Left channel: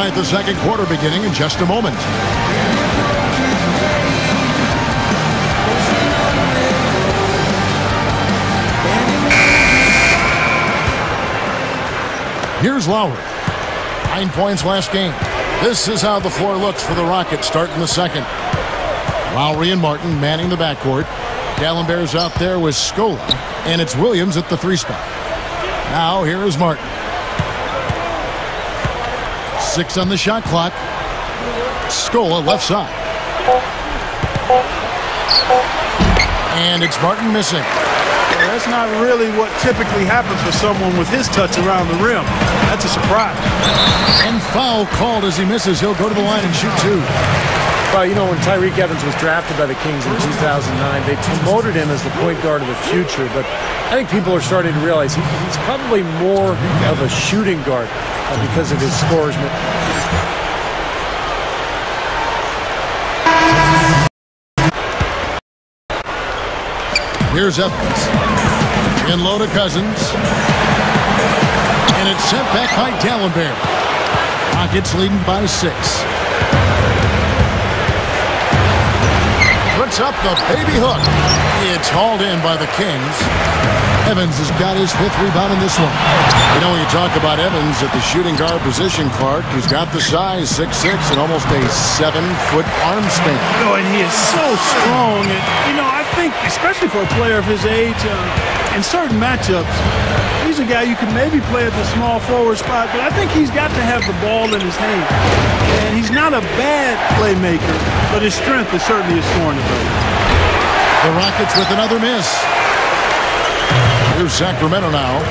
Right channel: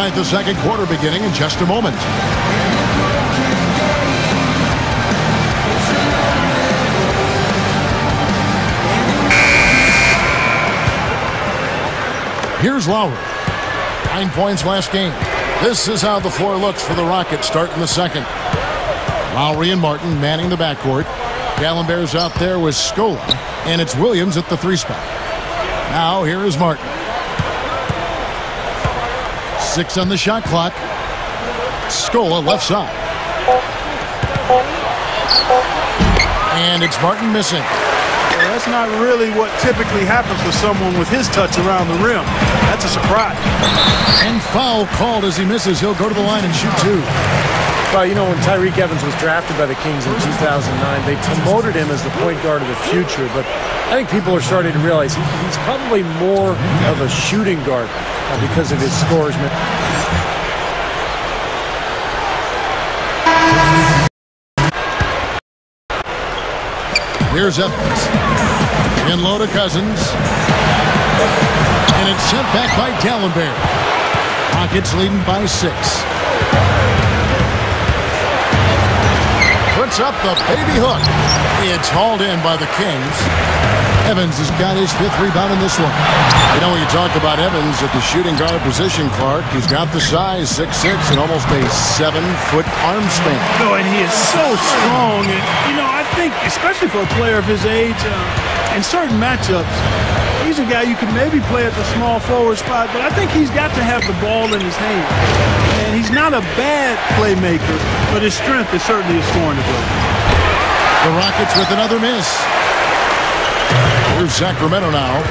right, the second quarter beginning in just a moment. Here's Lowry. 9 points last game. This is how the floor looks for the Rockets starting the second. Lowry and Martin manning the backcourt. Gallenberg's out there with Scola, and it's Williams at the 3 spot. Now here is Martin. 6 on the shot clock. Scola left side. And it's Martin missing. Well, that's not really what typically happens for someone with his touch around the rim. That's a surprise. And foul called as he misses. He'll go to the line and shoot 2. Well, you know, when Tyreke Evans was drafted by the Kings in 2009, they promoted him as the point guard of the future. But I think people are starting to realize he's probably more of a shooting guard because of his scoresman. Here's Evans. In low to Cousins. And it's sent back by Gallenberg. Rockets leading by 6. Puts up the baby hook. It's hauled in by the Kings. Evans has got his 5th rebound in this one. You know, when you talk about Evans at the shooting guard position, Clark, he's got the size, 6'6", and almost a 7-foot arm span. No, and he is so strong. And, you know, I think, especially for a player of his age, in certain matchups, he's a guy you can maybe play at the small forward spot, but I think he's got to have the ball in his hand. And he's not a bad playmaker, but his strength is certainly his scoring ability. The Rockets with another miss. Here's Sacramento now.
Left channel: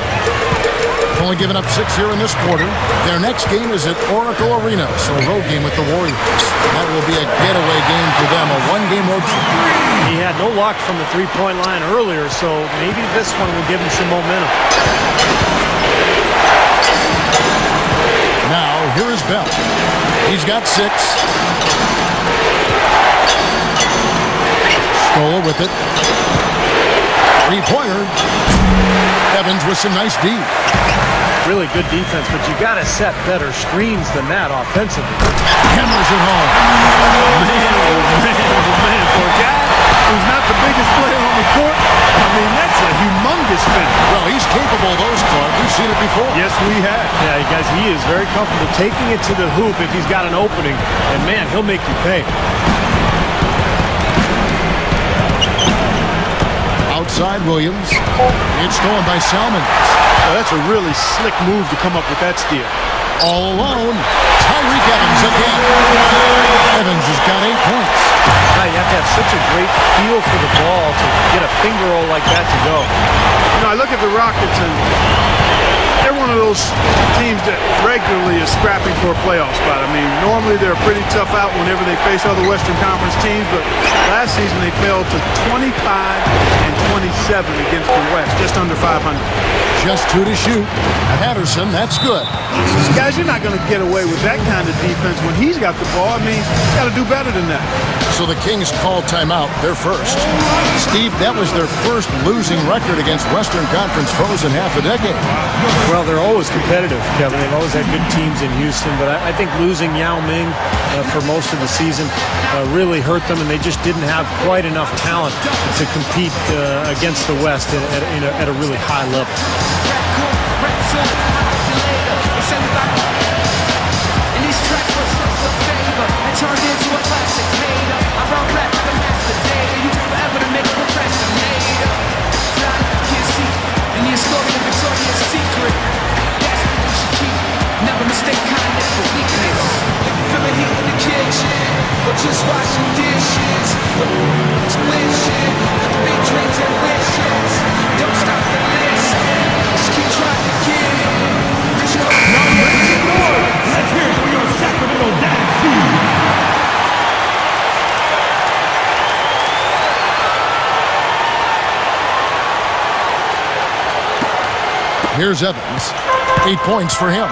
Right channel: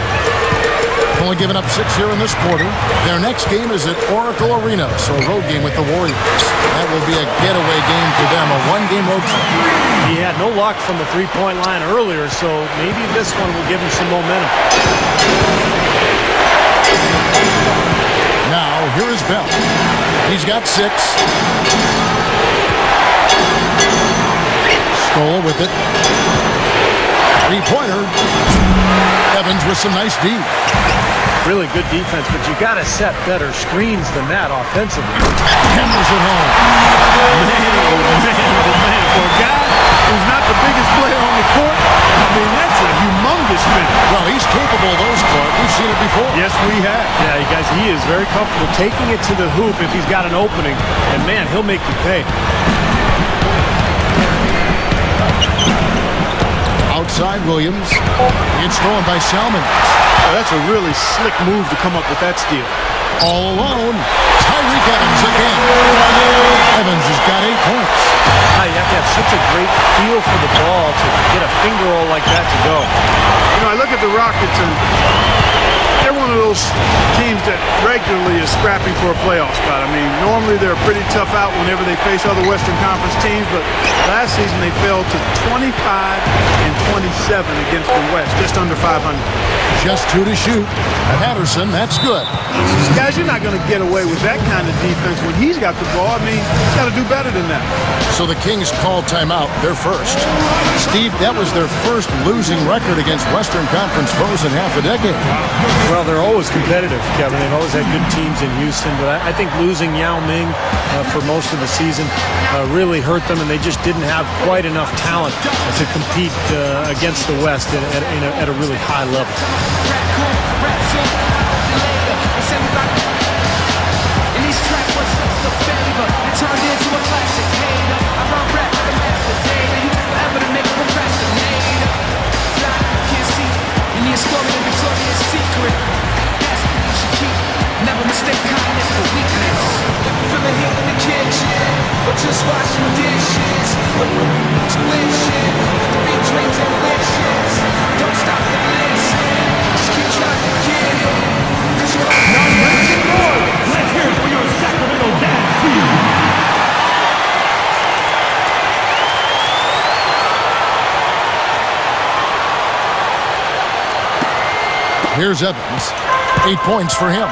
Only giving up 6 here in this quarter. Their next game is at Oracle Arena, so a road game with the Warriors. That will be a getaway game for them, a 1-game road trip. He had no luck from the 3-point line earlier, so maybe this one will give him some momentum. Now, here is Bell. He's got 6. Scola with it. 3-pointer. Evans with some nice D. Really good defense, but you got to set better screens than that offensively. Hammers it home. Man, oh man, oh man. For a guy who's not the biggest player on the court, I mean, that's a humongous finish. Well, he's capable of those, Clark. We've seen it before. Yes, we have. Yeah, you guys, he is very comfortable taking it to the hoop if he's got an opening. And, man, he'll make you pay. Outside Williams. It's stolen by Salmons. Well, that's a really slick move to come up with that steal. All alone, Tyreke Evans again. Evans has got 8 points. Now, you have to have such a great feel for the ball to get a finger roll like that to go. You know, I look at the Rockets, and they're one of those teams that regularly is scrapping for a playoff spot. I mean, normally they're a pretty tough out whenever they face other Western Conference teams, but last season they fell to 25 and 27 against the West, just under 500. Just 2 to shoot. Patterson, that's good. Guys, you're not going to get away with that kind of defense when he's got the ball. I mean, he's got to do better than that. So the Kings call timeout, their first. Steve, that was their first losing record against Western Conference foes in half a decade. Wow. Well, they're always competitive, Kevin. They've always had good teams in Houston, but I think losing Yao Ming for most of the season really hurt them, and they just didn't have quite enough talent to compete against the West at a really high level. Just washing dishes, tuition, big dreams and wishes. Don't stop the list, just keep trying to get it. Cause you're Let's hear it for your Sacramento Dance team. Here's Evans. 8 points for him.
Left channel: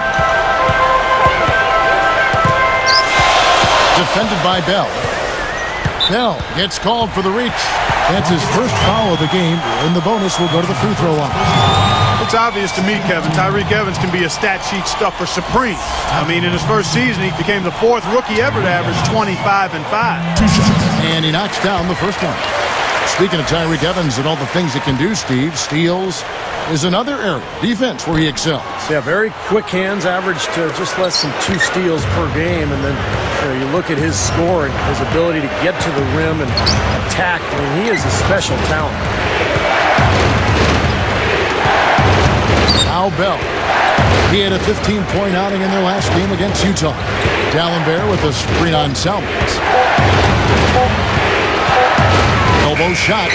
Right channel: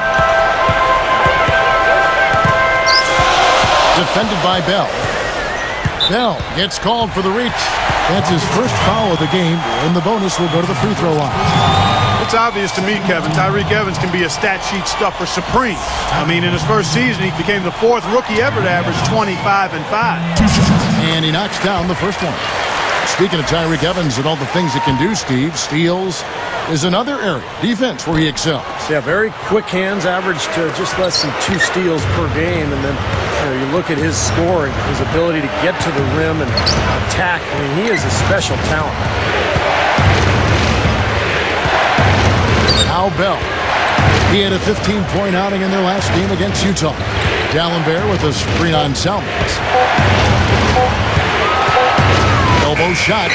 Defended by Bell. Bell gets called for the reach. That's his first foul of the game, and the bonus will go to the free throw line. It's obvious to me, Kevin. Tyreek Evans can be a stat sheet stuffer supreme. I mean, in his first season, he became the 4th rookie ever to average 25 and 5. And he knocks down the first one. Speaking of Tyreek Evans and all the things he can do, Steve, steals is another area, defense, where he excels. Yeah, very quick hands, averaged just less than 2 steals per game. And then you look at his scoring, his ability to get to the rim and attack. I mean, he is a special talent. Now Bell. He had a 15-point outing in their last game against Utah. Dallenberg with a screen on Salmons. Elbow shot.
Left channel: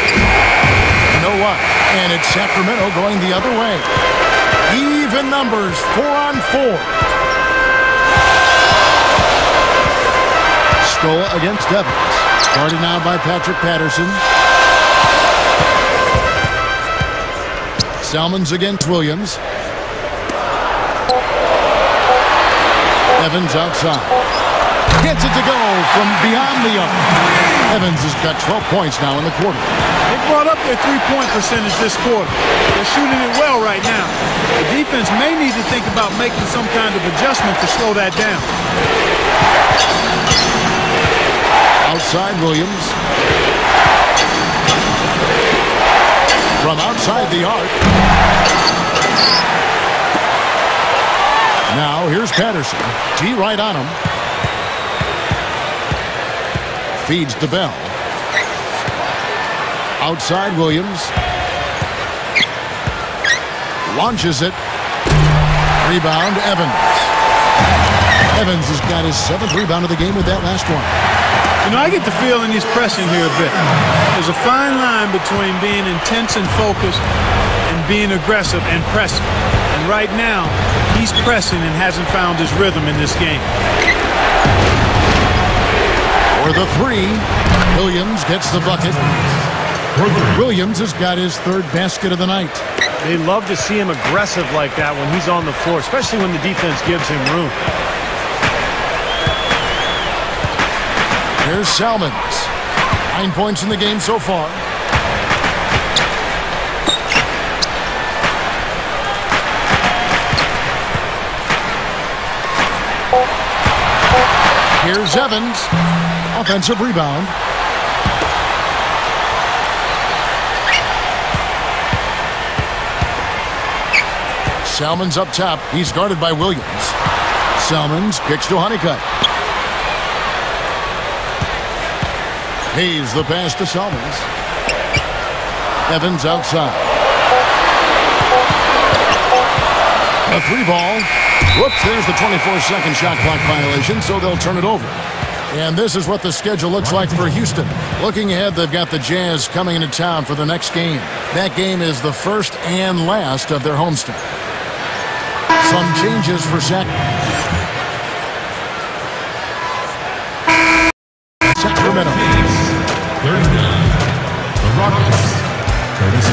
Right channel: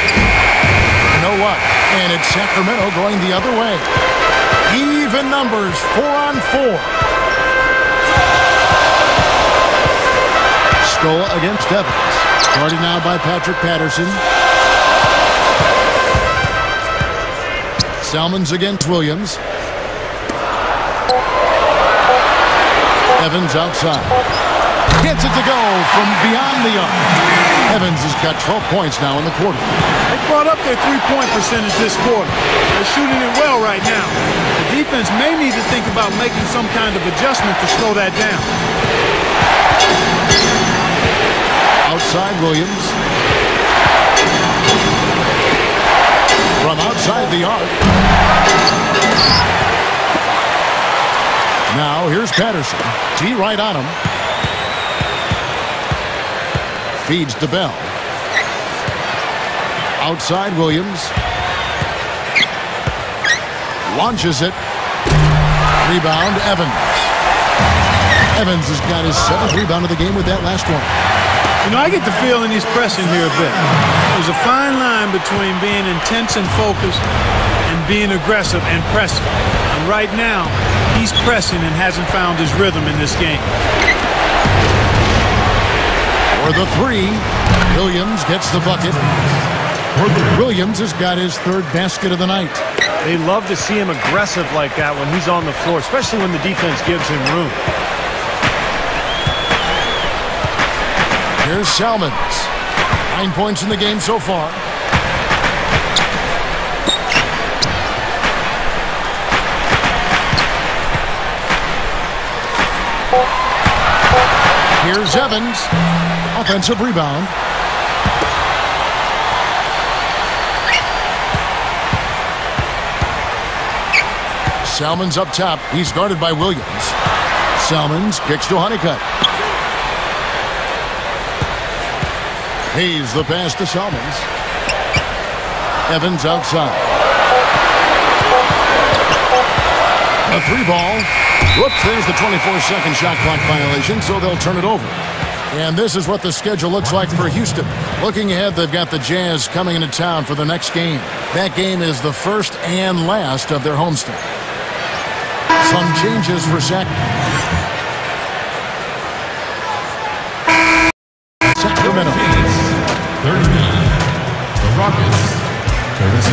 No luck. And it's Sacramento going the other way. Even numbers, 4-on-4. Stola against Evans. Guarded now by Patrick Patterson. Salmons against Williams. Evans outside. Gets it to go from beyond the arc. Evans has got 12 points now in the quarter. They brought up their three-point percentage this quarter. They're shooting it well right now. The defense may need to think about making some kind of adjustment to slow that down. Outside Williams. From outside the arc. Now here's Patterson. T right on him. Feeds to Bell. Outside Williams. Launches it. Rebound Evans. Evans has got his 7th rebound of the game with that last one. You know, I get the feeling he's pressing here a bit. There's a fine line between being intense and focused and being aggressive and pressing. And right now, he's pressing and hasn't found his rhythm in this game. For the 3, Williams gets the bucket. Williams has got his 3rd basket of the night. They love to see him aggressive like that when he's on the floor, especially when the defense gives him room. Here's Salmons. 9 points in the game so far. Here's Evans. Offensive rebound. Salmons up top. He's guarded by Williams. Salmons kicks to Honeycutt. Hayes the pass to Salmons. Evans outside. A 3-ball. Whoops, there's the 24-second shot clock violation, so they'll turn it over. And this is what the schedule looks like for Houston. Looking ahead, they've got the Jazz coming into town for the next game. That game is the first and last of their homestand. Some changes for Sacramento. 39. The Rockets, 36.